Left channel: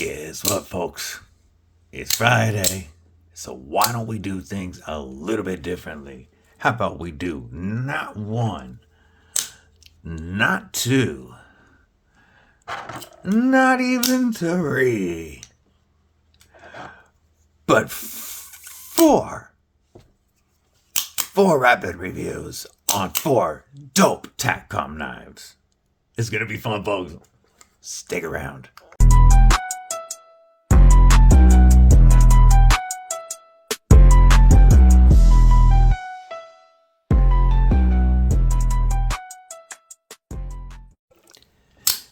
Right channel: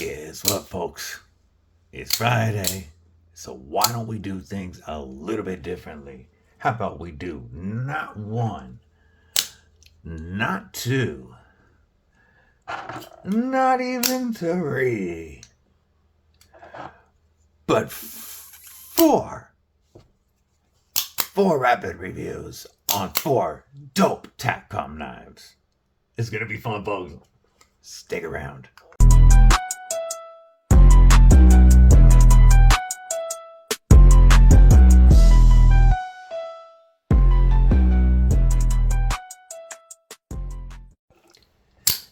Guess what, folks? It's Friday, so why don't we do things a little bit differently? How about we do not one, not two, not even three, but four rapid reviews on 4 dope TakCom knives. It's gonna be fun, folks. Stick around.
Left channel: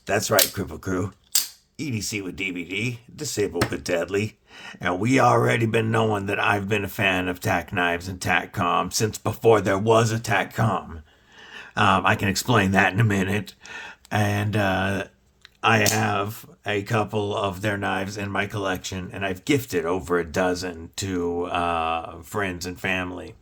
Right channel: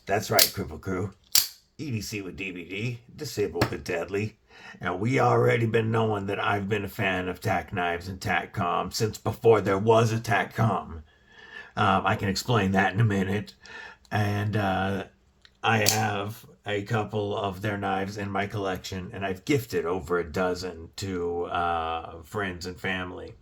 That's right, Cripple Crew. EDC with DBD, Disabled with Deadly. And we already been knowing that I've been a fan of TacKnives and TakCom since before there was a TakCom. I can explain that in a minute. And I have a couple of their knives in my collection, and I've gifted over a dozen to friends and family.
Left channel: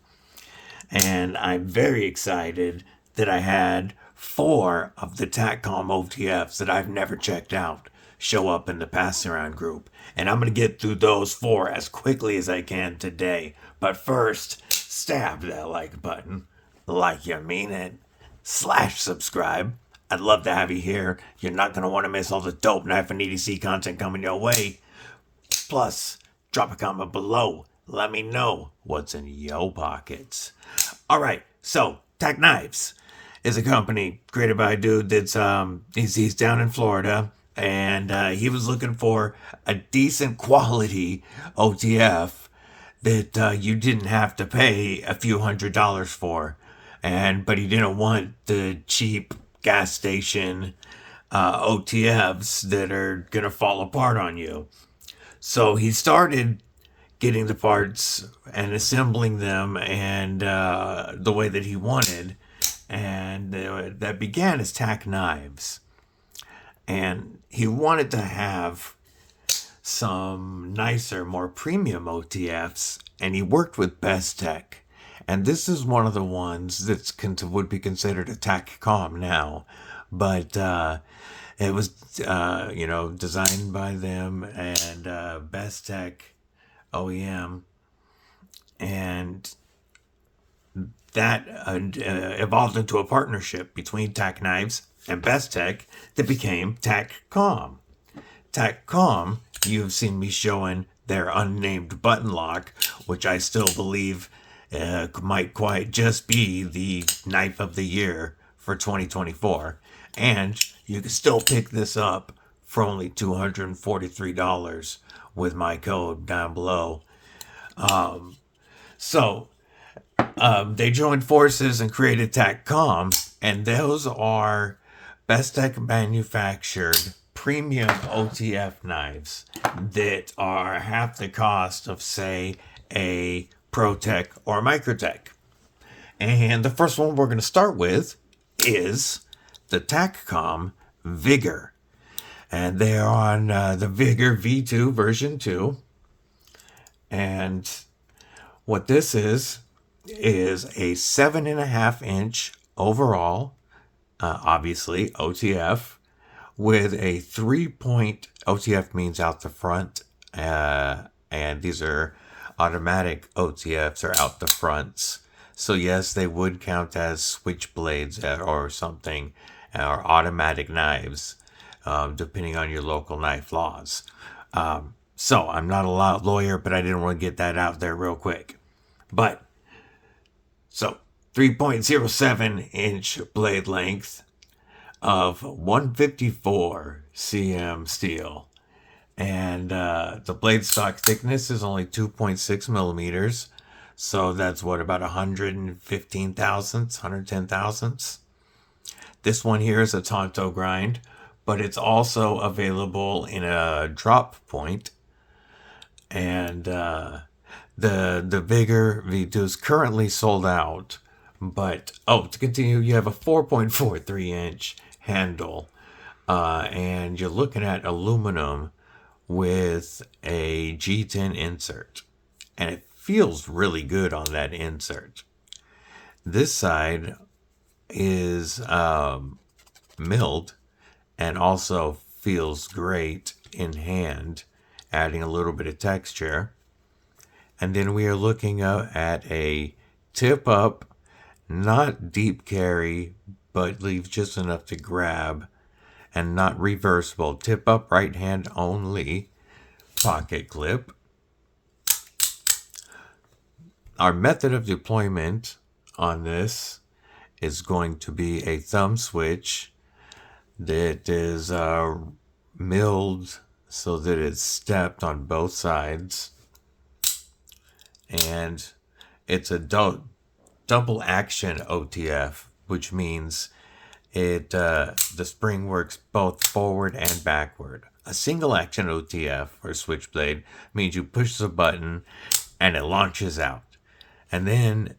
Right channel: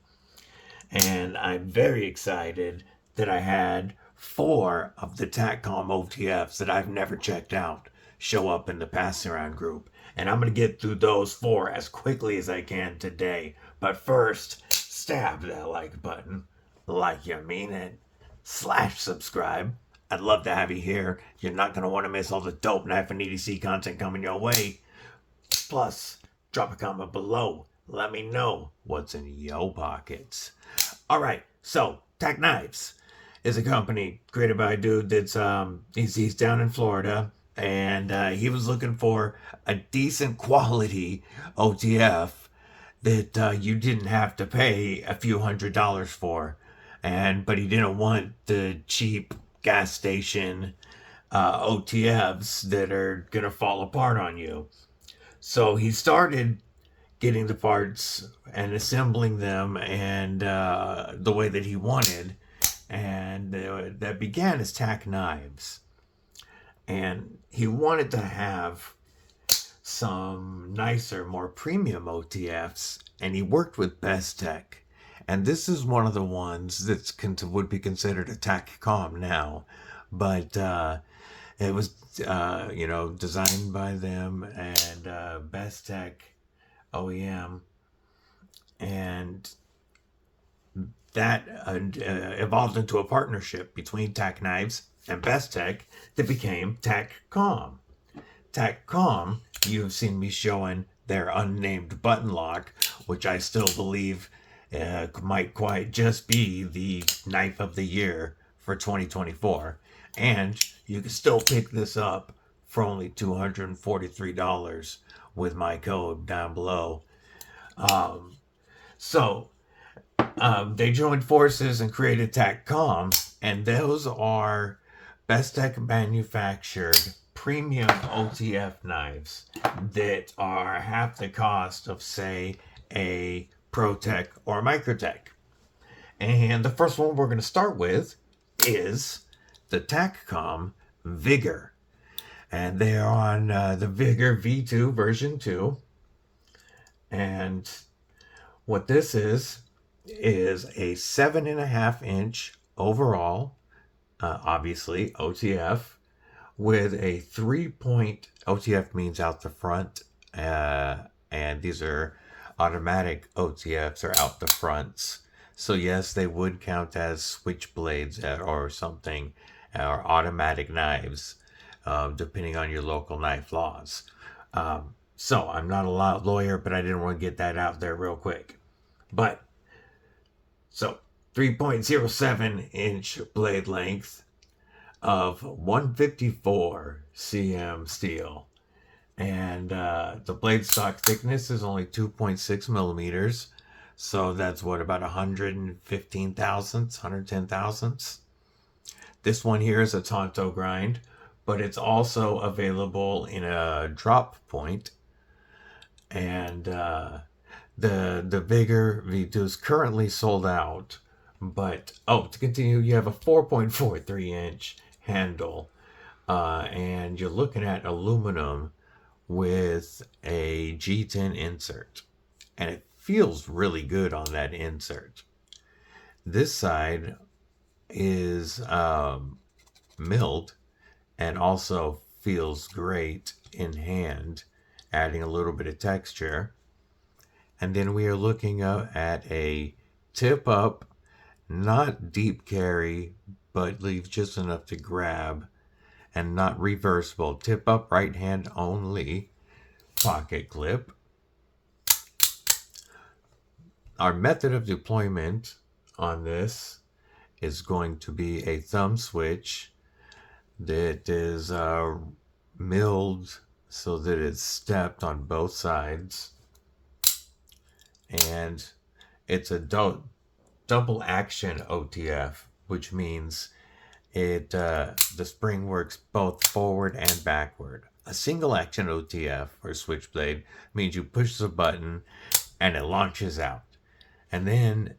And I'm very excited that I had 4 of the TakCom OTFs that I've never checked out show up in the pass around group. And I'm going to get through those 4 as quickly as I can today. But first, stab that like button like you mean it. / subscribe. I'd love to have you here. You're not going to want to miss all the dope knife and EDC content coming your way. Plus, drop a comment below. Let me know what's in your pockets. All right, so TakKnives is a company created by a dude that's he's down in Florida, and he was looking for a decent quality OTF that you didn't have to pay a few $100s for, but he didn't want the cheap gas station OTFs that are gonna fall apart on you. So he started getting the parts and assembling them and the way that he wanted. And that began as TakKnives. And he wanted to have some nicer, more premium OTFs, and he worked with BestTech. And this is one of the ones that would be considered a TakCom now. But it was, designed by them and BestTech OEM. And that evolved into a partnership between TakKnives and BestTech that became TakCom. TakCom, you've seen me showing their unnamed button lock, which I still believe might quite just be the knife of the year for 2024. And you can still pick this up for only $243 with my code down below. They joined forces and created TakCom, and those are BestTech manufactured premium OTF knives that are half the cost of, say, a ProTech or a Microtech. And the first one we're going to start with is the TakCom Vigor. And they are on the Vigor V2 version 2. And what this is a 7.5-inch overall, obviously OTF, with a 3-point OTF means out the front, and these are automatic OTFs or out the fronts. So yes, they would count as switchblades or something, or automatic knives, depending on your local knife laws. So I'm not a lawyer, but I didn't want to get that out there real quick. But so 3.07-inch blade length of 154 cm steel. And the blade stock thickness is only 2.6 millimeters. So that's what, about 115 thousandths, 110 thousandths. This one here is a Tonto grind, but it's also available in a drop point. And the Vigor V2 is currently sold out. But, to continue, you have a 4.43-inch handle. And you're looking at aluminum with a G10 insert. And it feels really good on that insert. This side is milled and also feels great in hand, adding a little bit of texture. And then we are looking at a tip up, not deep carry, but leaves just enough to grab, and not reversible. Tip up, right hand only pocket clip. Our method of deployment on this is going to be a thumb switch that is milled so that it's stepped on both sides. And it's a double action OTF, which means the spring works both forward and backward. A single action OTF or switchblade means you push the button and it launches out, and then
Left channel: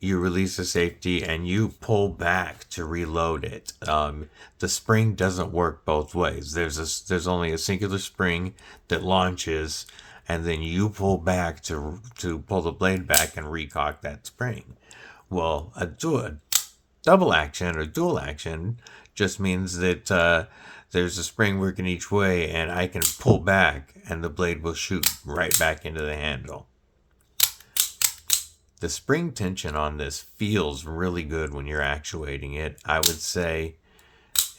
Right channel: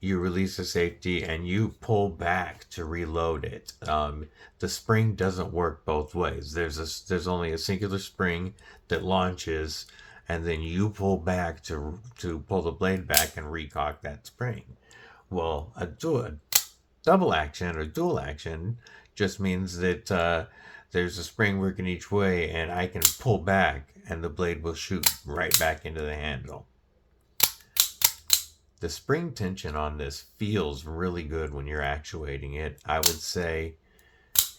you release the safety and you pull back to reload it. The spring doesn't work both ways. There's only a singular spring that launches, and then you pull back to pull the blade back and recock that spring. Well, a double action or dual action just means that there's a spring working each way, and I can pull back and the blade will shoot right back into the handle. The spring tension on this feels really good when you're actuating it. I would say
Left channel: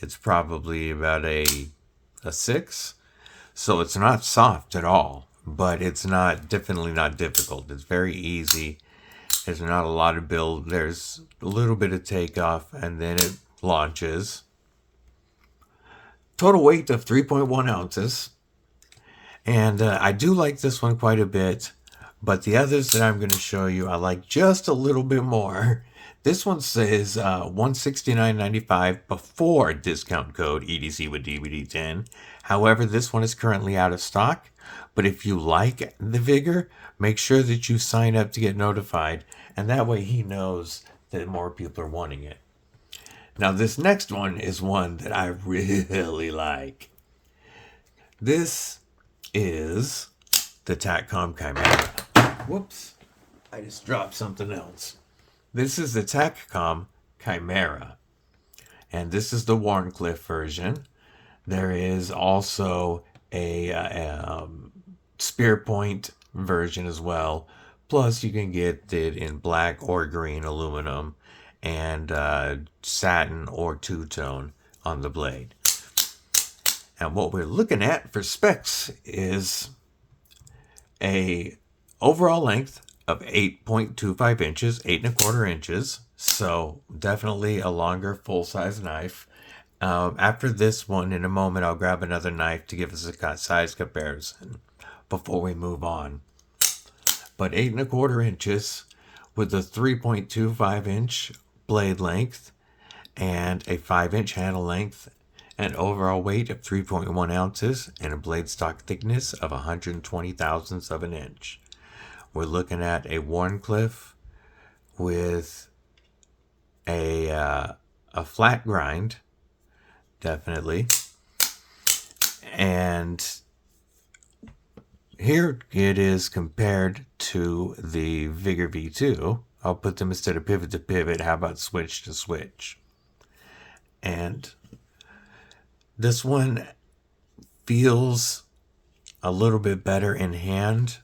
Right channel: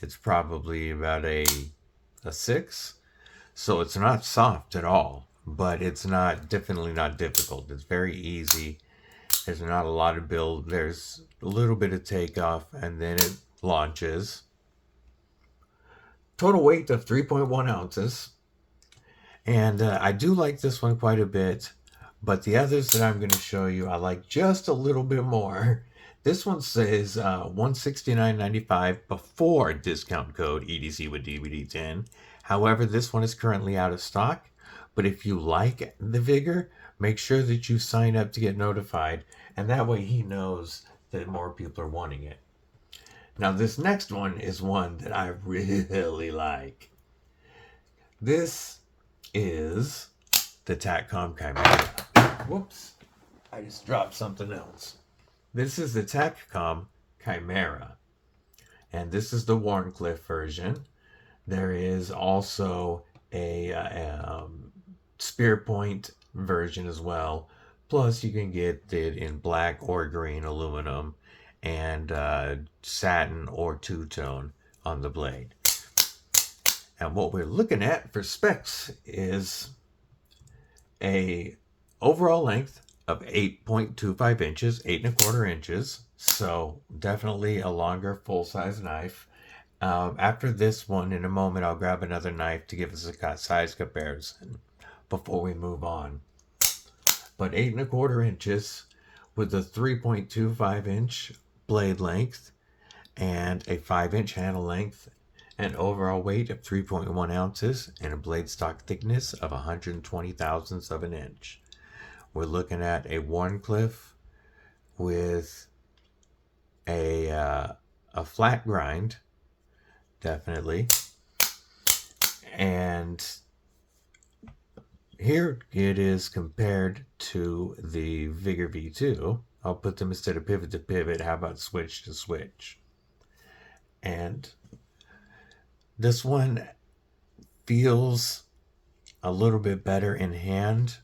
it's probably about a 6. So it's not soft at all, but it's definitely not difficult. It's very easy. There's not a lot of build. There's a little bit of takeoff, and then it launches. Total weight of 3.1 ounces. And I do like this one quite a bit, but the others that I'm going to show you, I like just a little bit more. This one says $169.95 before discount code EDCwithDBD10. However, this one is currently out of stock. But if you like the Vigor, make sure that you sign up to get notified, and that way he knows that more people are wanting it. Now, this next one is one that I really like. This is the TakCom Chimera. Whoops, I just dropped something else. This is the TakCom Chimera, and this is the Warncliffe version. There is also a spear point version as well. Plus, you can get it in black or green aluminum and satin or two-tone on the blade. And what we're looking at for specs is a overall length of 8.25 inches, 8.25 inches. So definitely a longer full-size knife. After this one, in a moment, I'll grab another knife to give us a size comparison before we move on. But 8.25 inches with a 3.25 inch blade length and a 5-inch handle length, an overall weight of 3.1 ounces, and a blade stock thickness of 120 thousandths of an inch. We're looking at a Warncliffe with a flat grind, definitely. And here it is compared to the Vigor V2. I'll put them instead of pivot to pivot. How about switch to switch? And this one feels a little bit better in hand.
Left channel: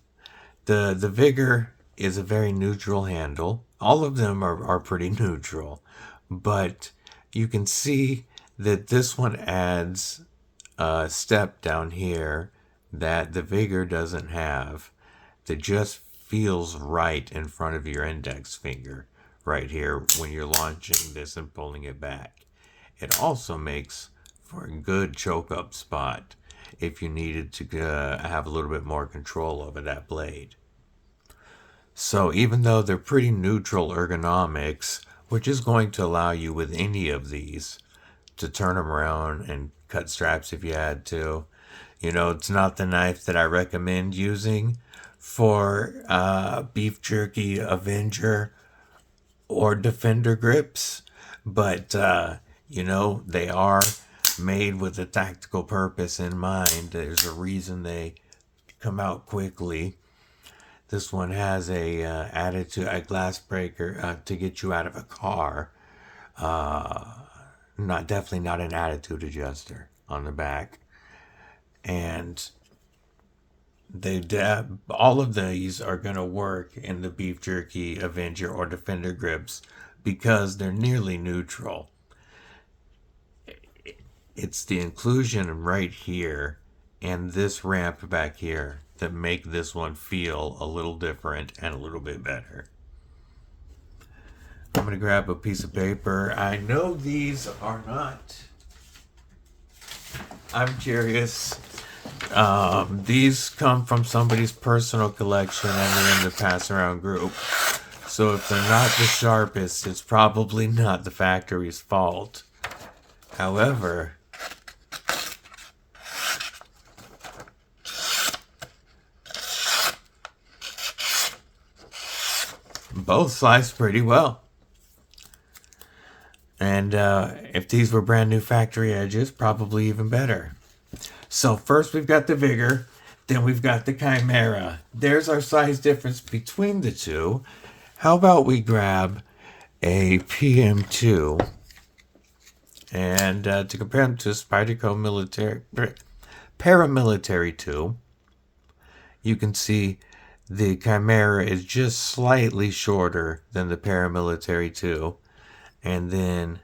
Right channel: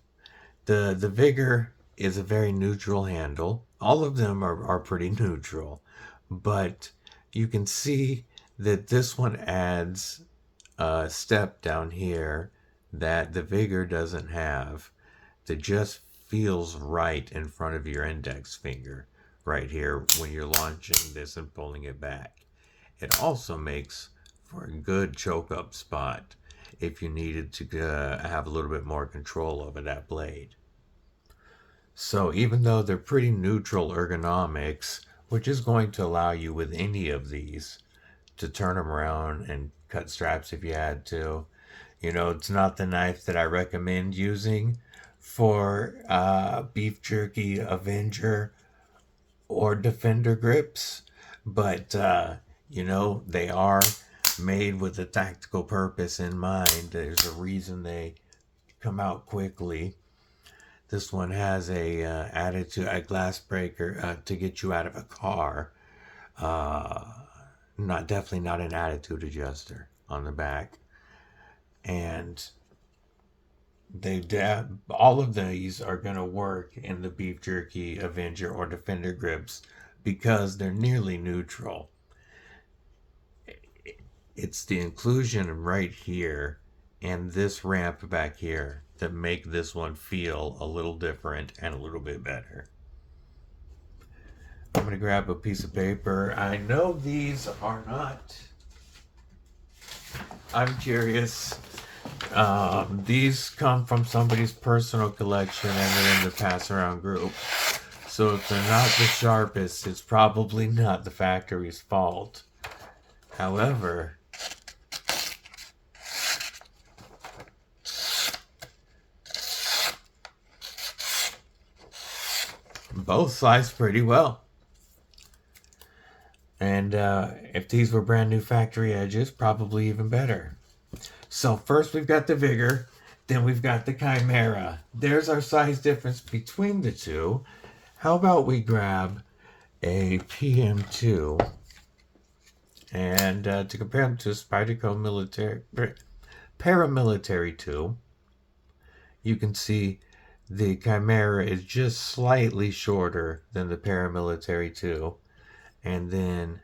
The Vigor is a very neutral handle. All of them are pretty neutral, but you can see that this one adds a step down here that the Vigor doesn't have, that just feels right in front of your index finger right here when you're launching this and pulling it back. It also makes for a good choke up spot if you needed to have a little bit more control over that blade. So even though they're pretty neutral ergonomics, which is going to allow you with any of these to turn them around and cut straps if you had to. You know, it's not the knife that I recommend using for beef jerky, Avenger, or Defender grips, but you know, they are made with a tactical purpose in mind. There's a reason they come out quickly. This one has a glass breaker to get you out of a car. Definitely not an attitude adjuster on the back. And all of these are going to work in the Beef Jerky, Avenger, or Defender grips because they're nearly neutral. It's the inclusion right here and this ramp back here that make this one feel a little different and a little bit better. I'm going to grab a piece of paper. I know these are not... I'm curious. These come from somebody's personal collection and they're in the pass around group. So if they're not the sharpest, it's probably not the factory's fault. However, both slice pretty well. And if these were brand new factory edges, probably even better. So first we've got the Vigor, then we've got the Chimera. There's our size difference between the two. How about we grab a PM2 and to compare them to Spyderco Paramilitary 2, you can see the Chimera is just slightly shorter than the Paramilitary 2. And then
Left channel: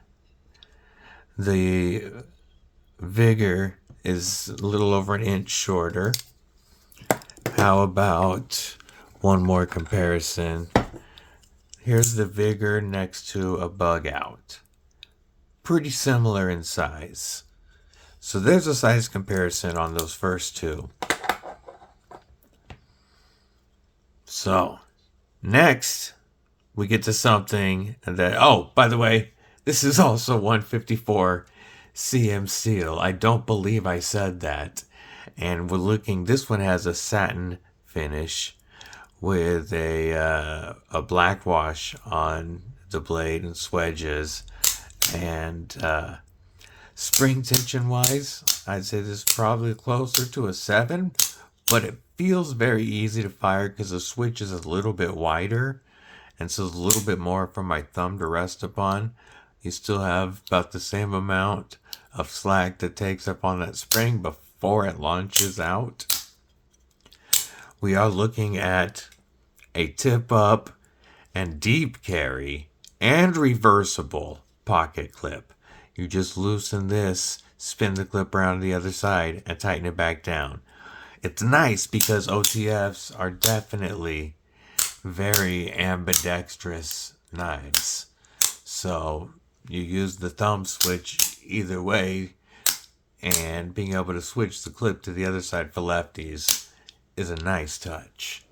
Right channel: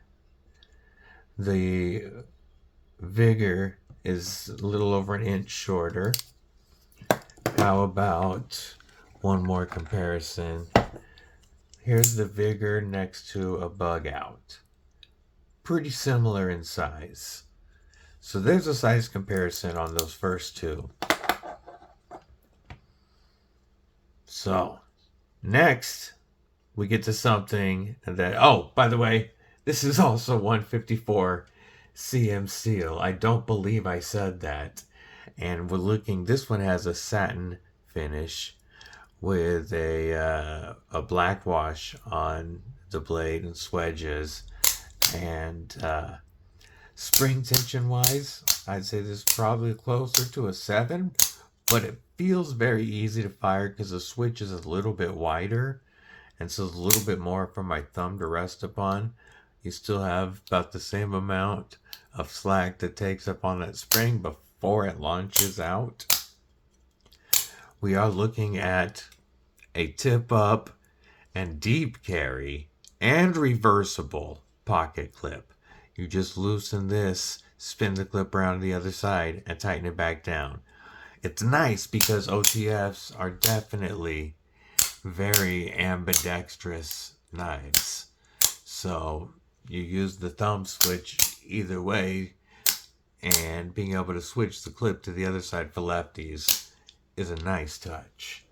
the Vigor is a little over an inch shorter. How about one more comparison? Here's the Vigor next to a Bug Out. Pretty similar in size. So there's a size comparison on those first two. So next we get to something that, oh, by the way, this is also 154 CM steel. I don't believe I said that. And we're looking, this one has a satin finish with a black wash on the blade and swedges. And spring tension wise, I'd say this is probably closer to a 7, but it feels very easy to fire because the switch is a little bit wider. And so it's a little bit more for my thumb to rest upon. You still have about the same amount of slack that takes up on that spring before it launches out. We are looking at a tip up and deep carry and reversible pocket clip. You just loosen this, spin the clip around the other side, and tighten it back down. It's nice because OTFs are definitely very ambidextrous knives. So you use the thumb switch either way, and being able to switch the clip to the other side for lefties is a nice touch.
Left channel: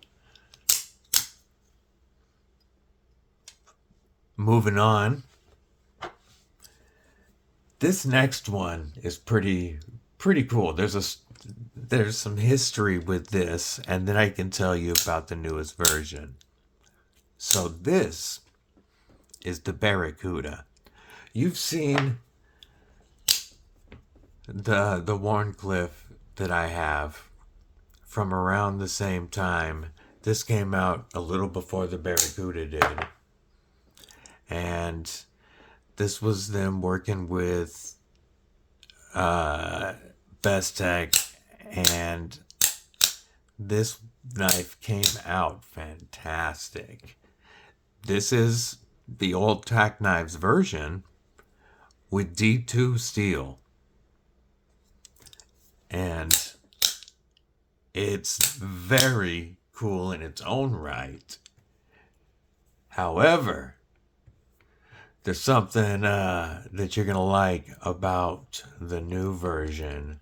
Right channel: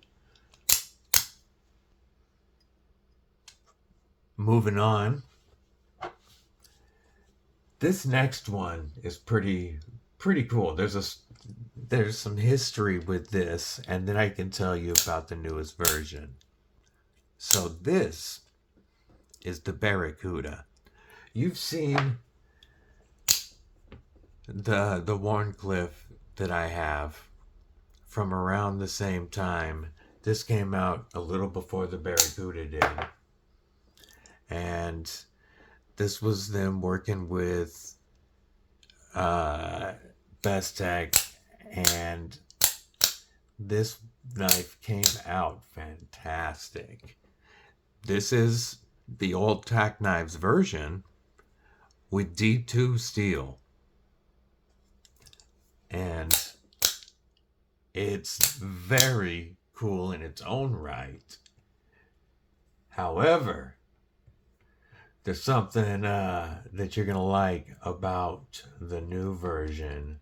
Moving on. This next one is pretty cool. There's some history with this, and then I can tell you about the newest version. So this is the Barracuda. You've seen the Warncliffe that I have from around the same time. This came out a little before the Barracuda did. And this was them working with Bestech, and this knife came out fantastic. This is the old TacKnives version with D2 steel. And it's very cool in its own right. However, there's something that you're going to like about the new version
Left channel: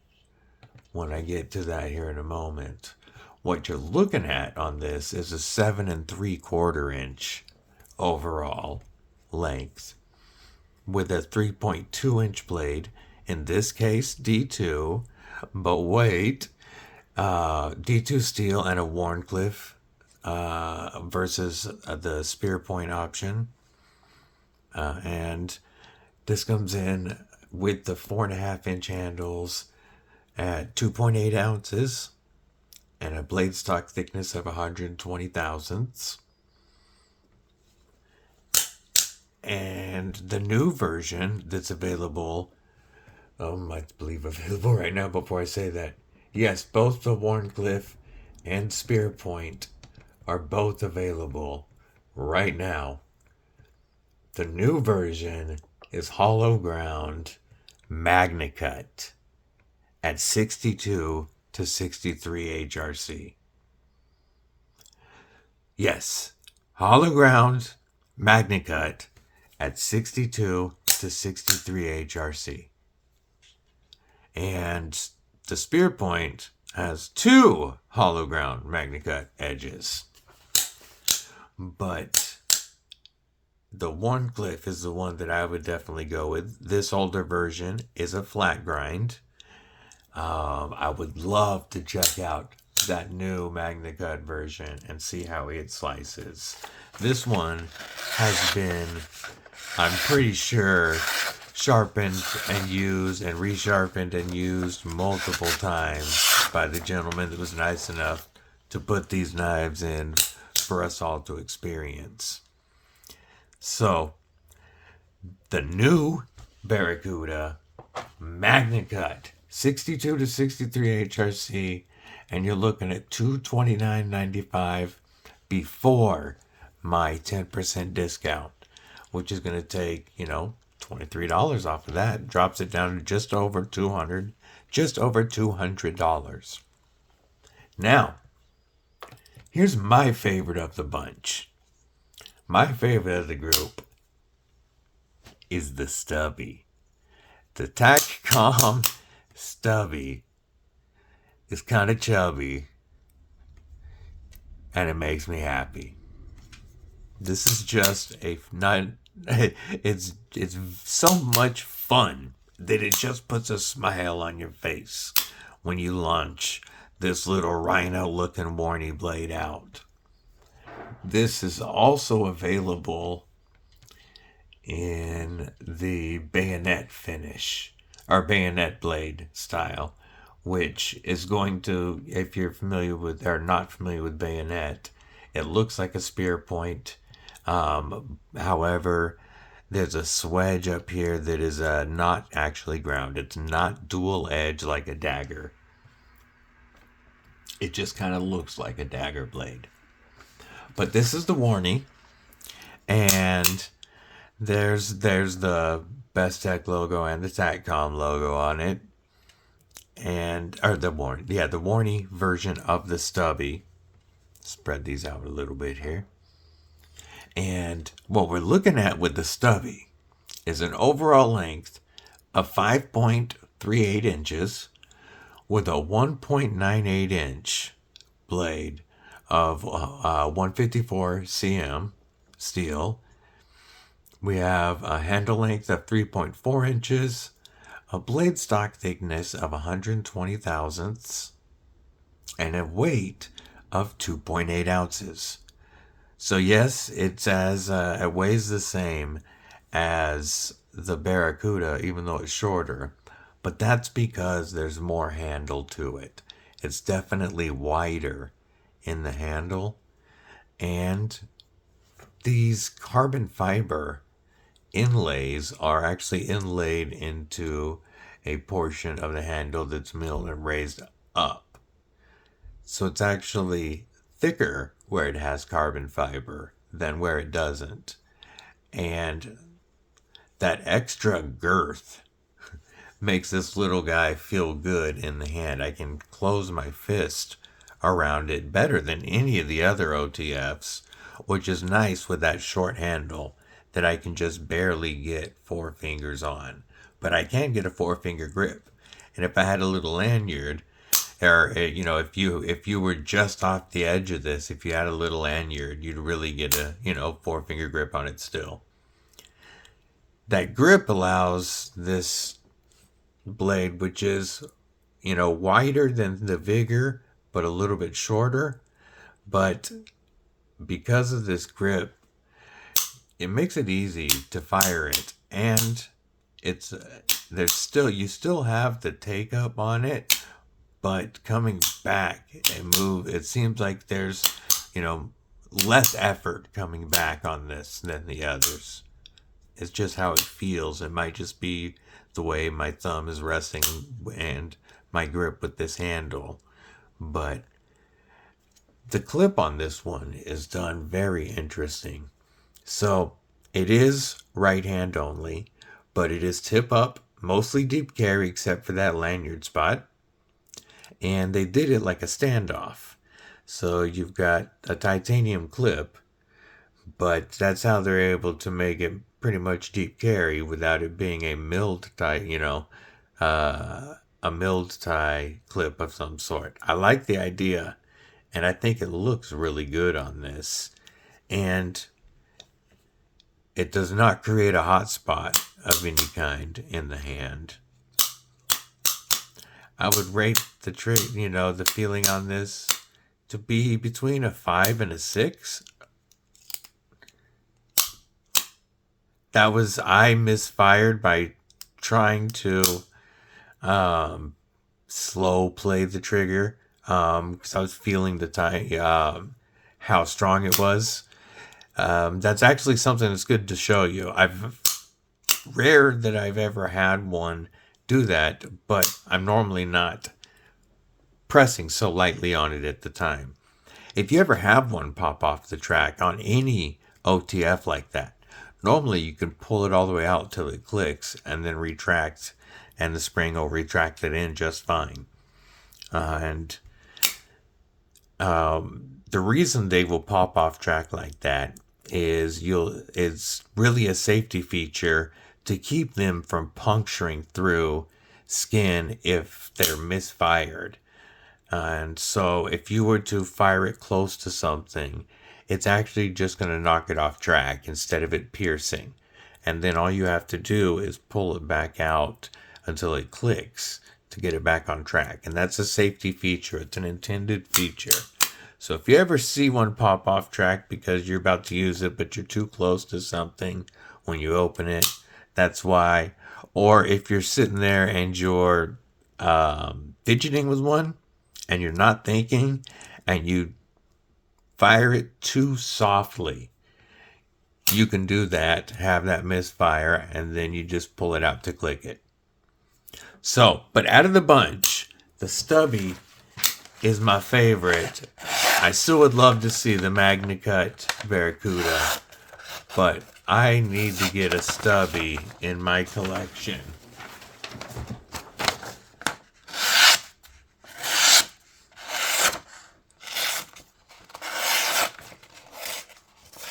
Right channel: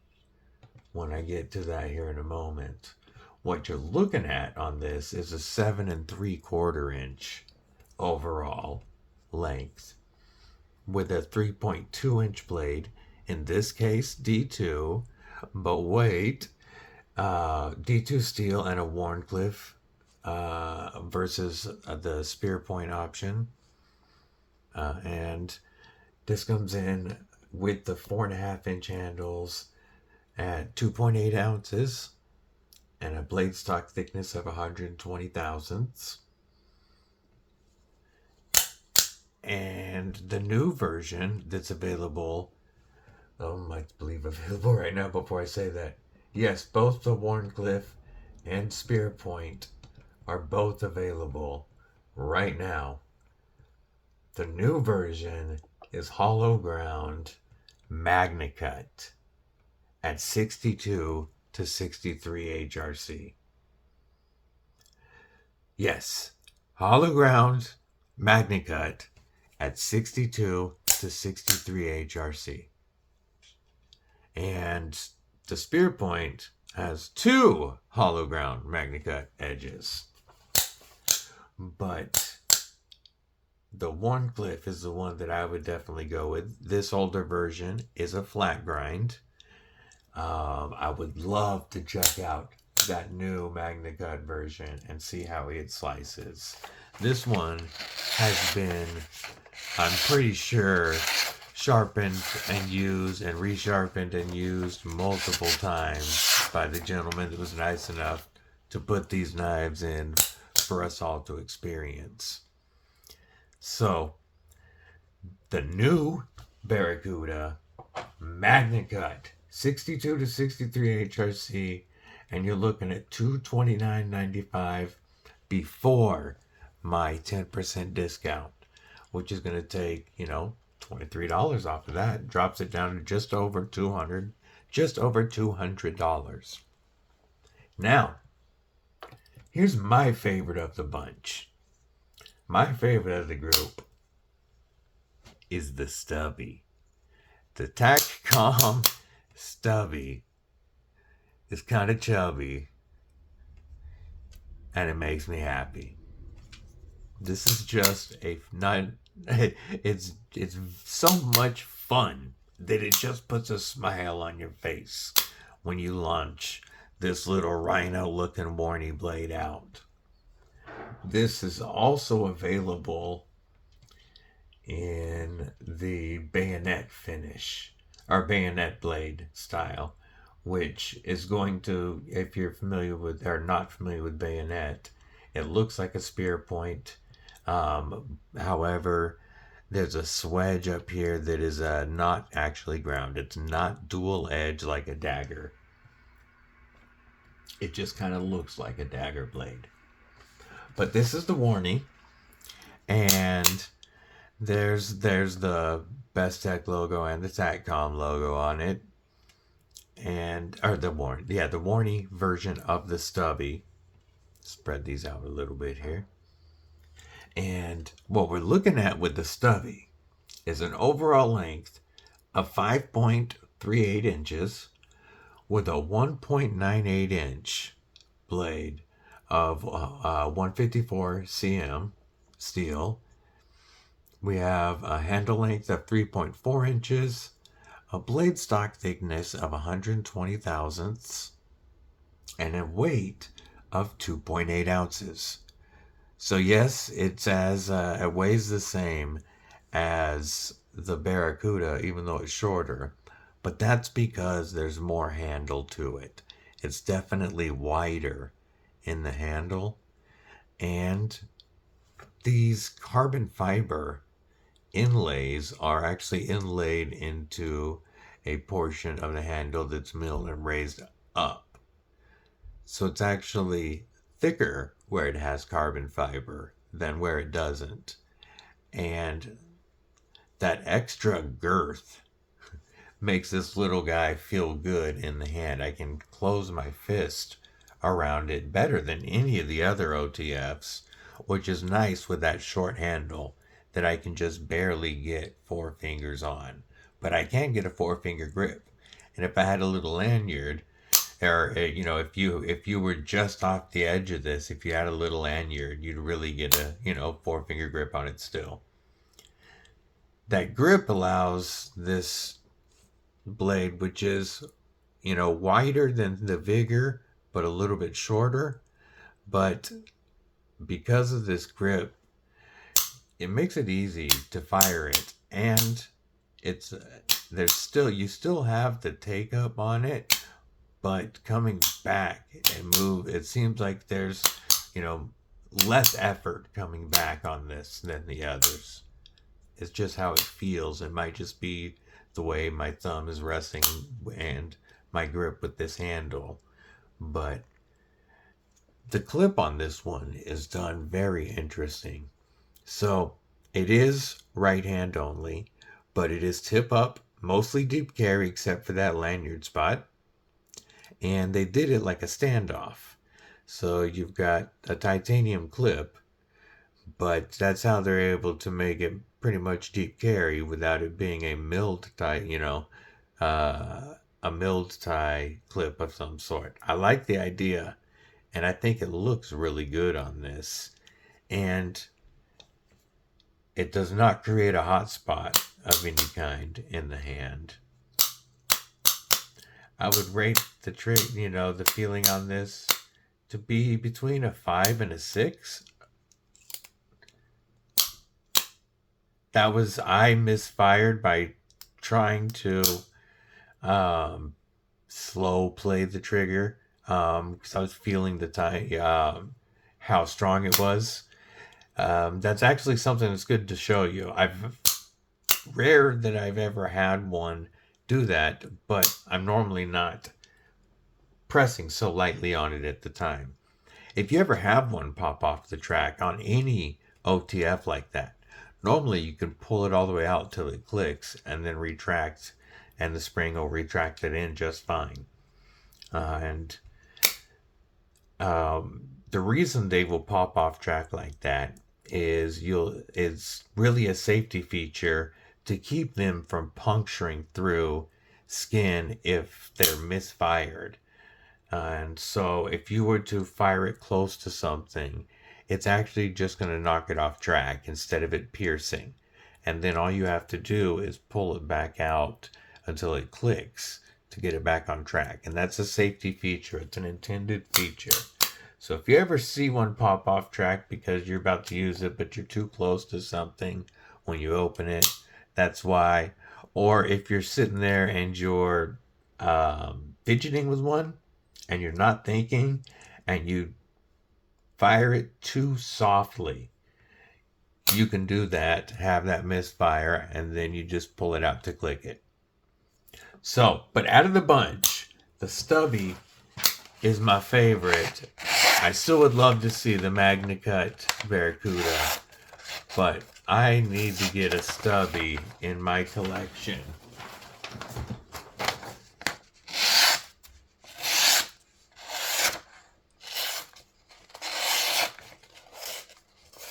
when I get to that here in a moment. What you're looking at on this is a 7 3/4 inch overall length with a 3.2 inch blade. In this case, D2, but wait, D2 steel and a Warncliffe versus the spear point option. And this comes in with the 4.5 inch handles at 2.8 ounces and a blade stock thickness of 120 thousandths. And the new version that's available, I believe available right now before I say that. Yes, both the Wharncliffe and Spearpoint are both available right now. The new version is hollow ground MagnaCut at 62 to 63 HRC. Yes, hollow ground MagnaCut at 62 to 63 HRC. And the Spearpoint has two hollow ground MagnaCut edges. But the Wharncliffe is the one that I would definitely go with. This older version is a flat grind. I would love to check out that new MagnaCut version and see how it slices. This one has been, I'm pretty sure, sharpened and used and resharpened and used multiple times by the gentleman that was nice enough to put these knives in for us all to experience. So, the new Barracuda MagnaCut 62 to 63 HRC, and you're looking at $229.95 before my 10% discount, which is going to take, $23 off of that. Drops it down to just over $200. Now, here's my favorite of the bunch. My favorite of the group is the Stubby. The TakCom Stubby is kind of chubby, and it makes me happy. This is just it's so much fun that it just puts a smile on your face when you launch this little rhino looking warny blade out. This is also available in the bayonet finish, or bayonet blade style, which is going to, if you're familiar with or not familiar with bayonet, it looks like a spear point. However, there's a swedge up here that is not actually ground. It's not dual edge like a dagger. It just kind of looks like a dagger blade. But this is the warning, and there's the Bestech logo and the TakCom logo on it, or the warning version of the Stubby. Spread these out a little bit here. And what we're looking at with the Stubby is an overall length of 5.38 inches with a 1.98 inch blade of 154 cm steel. We have a handle length of 3.4 inches, a blade stock thickness of 120 thousandths, and a weight of 2.8 ounces. So yes, it weighs the same as the Barracuda, even though it's shorter, but that's because there's more handle to it. It's definitely wider in the handle, and these carbon fiber inlays are actually inlaid into a portion of the handle that's milled and raised up. So it's actually thicker where it has carbon fiber than where it doesn't. And that extra girth makes this little guy feel good in the hand. I can close my fist around it better than any of the other OTFs, which is nice with that short handle that I can just barely get 4 fingers on. But I can get a 4-finger grip. And if I had a little lanyard, or if you were just off the edge of this, if you had a little lanyard, you'd really get a 4-finger grip on it still. That grip allows this blade, which is wider than the Vigor but a little bit shorter, but because of this grip, it makes it easy to fire it, and you still have the take up on it, but coming back and move, it seems like there's less effort coming back on this than the others. It's just how it feels. It might just be the way my thumb is resting and my grip with this handle. But the clip on this one is done very interesting. So it is right hand only, but it is tip up, mostly deep carry except for that lanyard spot. And they did it like a standoff. So you've got a titanium clip, but that's how they're able to make it pretty much deep carry without it being a milled tie, a milled tie clip of some sort. I like the idea, and I think it looks really good on this. And it does not create a hot spot of any kind in the hand. I would rate the the feeling on this to be between a 5 and a 6. I misfired by trying to slow play the trigger because I was feeling the time, how strong it was. That's actually something that's good to show you. Rare that I've ever had one do that, but I'm normally not pressing so lightly on it at the time. If you ever have one pop off the track on any OTF like that, normally you can pull it all the way out till it clicks and then retract, and the spring will retract it in just fine. And the reason they will pop off track like that is it's really a safety feature to keep them from puncturing through skin if they're misfired. And so if you were to fire it close to something, it's actually just going to knock it off track instead of it piercing. And then all you have to do is pull it back out until it clicks to get it back on track. And that's a safety feature. It's an intended feature. So if you ever see one pop off track because you're about to use it, but you're too close to something when you open it, that's why. Or if you're sitting there and you're fidgeting with one and you're not thinking and you fire it too softly, you can do that, have that misfire, and then you just pull it out to click it. So, but out of the bunch, the Stubby is my favorite. I still would love to see the MagnaCut Barracuda, but I need to get a Stubby in my collection.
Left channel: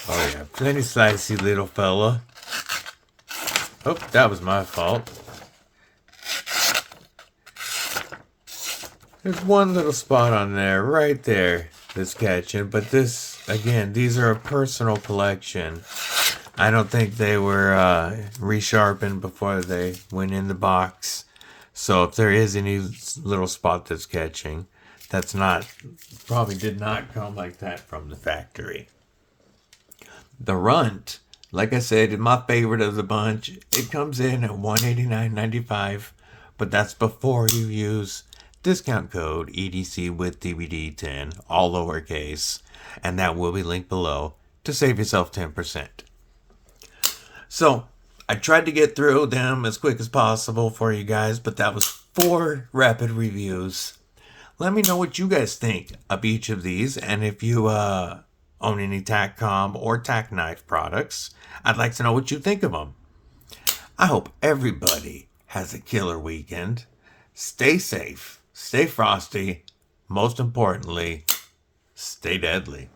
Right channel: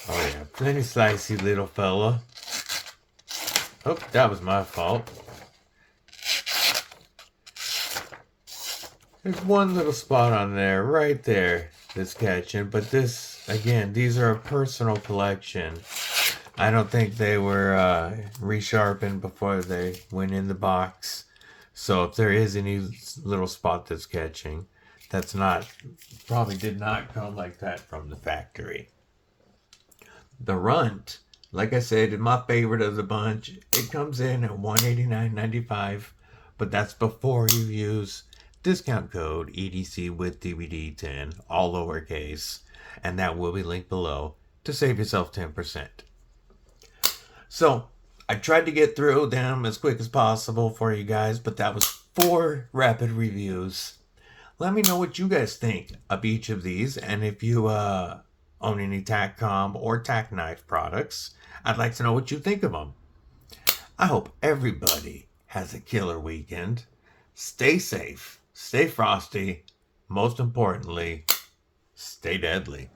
Oh yeah, plenty slicey little fella. Oh, that was my fault. There's one little spot on there, right there, that's catching. But this, again, these are a personal collection. I don't think they were resharpened before they went in the box. So if there is any little spot that's catching, that's not, probably did not come like that from the factory. The Runt, like I said, is my favorite of the bunch. It comes in at $189.95, but that's before you use discount code EDCwithDBD10, all lowercase, and that will be linked below to save yourself 10%. So I tried to get through them as quick as possible for you guys, but that was 4 rapid reviews. Let me know what you guys think of each of these, and if you own any TakCom or TacKnives products, I'd like to know what you think of them. I hope everybody has a killer weekend. Stay safe, stay frosty, most importantly, stay deadly.